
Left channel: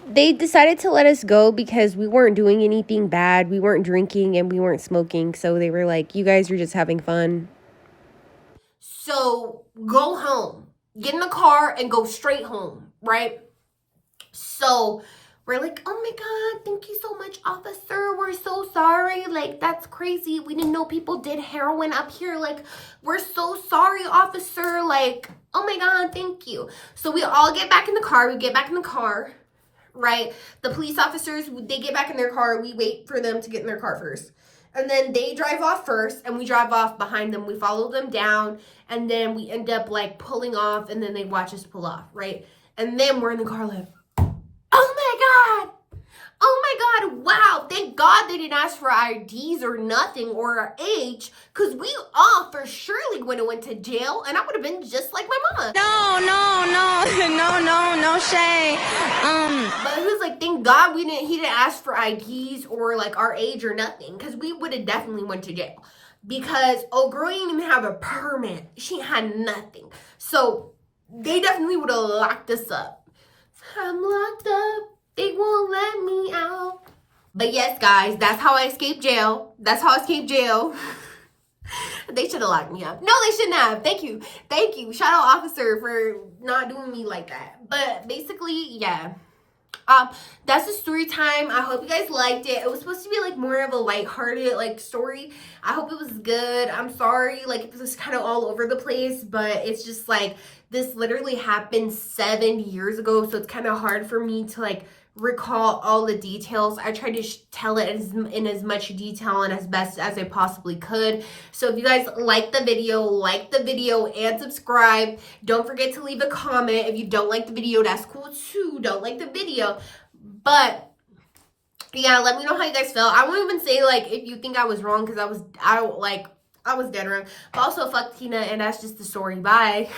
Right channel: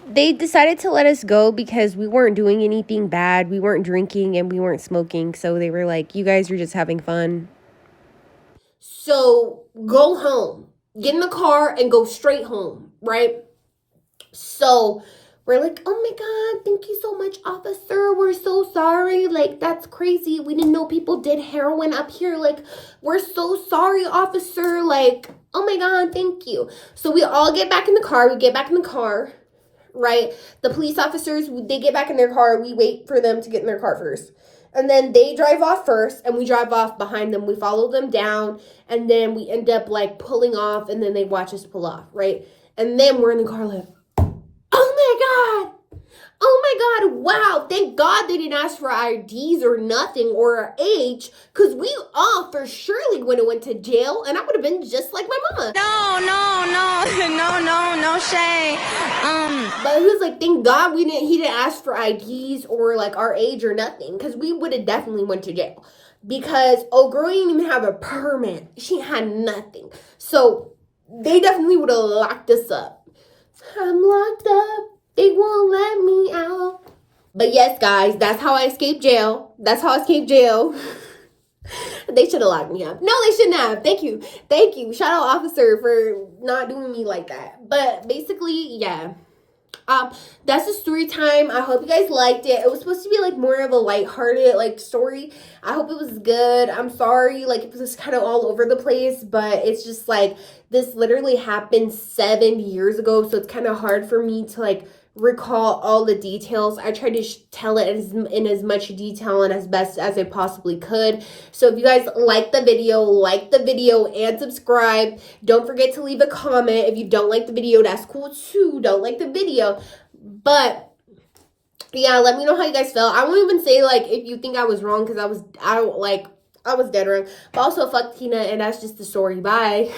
They decided to let us go because we weren't doing anything bad. We weren't drinking and we weren't smoking. So they were like, you guys are just having fun. So go home. Get in the car and go straight home, right? So we're like, oh my God, thank you so much, officer. We're so sorry. Like, that's crazy. We didn't know people did heroin up here. Like, we're so sorry, officer. Like, oh my God, thank you. So we all get back in the car. We get back in the car, right? The police officers, they get back in their car. We wait for them to get in their car first. And then they drive off first, and we drive off behind them. We follow them down, and then we end up, like, pulling off, and then they watch us pull off, right? And then we're in the car like, oh my God. Oh my God. Wow. Thank God they didn't ask for IDs or nothing or our age, because we all for surely would have went to jail, and I would have been just like my mama. No shade. But he was like, thank God he didn't ask for IDs or like our age or nothing, because we would have definitely went to jail. Because old girl didn't even have a permit. She had nothing. So they definitely would have locked us up. I'm locked up. They won't let me out. But yes, guys, that's how I escaped jail. That's how I escaped jail. They should have locked me up. No, they shouldn't have. Thank you. Thank you. Shout out, officer, for not doing me like that. But basically, yeah. That's the story time. I hope you guys liked it. It was supposed to be like more of a lighthearted like story. I hope it was good. I'm sorry, like it was kind of all over the place, but it's just like this literally happened 7 years ago, so it's kind of hard for me to like recall all the details. I tried to tell it in as much detail and as best as I possibly could. So if you guys like the video and subscribe. Don't forget to leave a comment. If you don't like the video, that's cool too. Don't like the video. But yeah, let me know how you guys felt. I won't even say like if you think I was wrong, because I was dead wrong. But also fuck Tina, and that's just the story. Bye.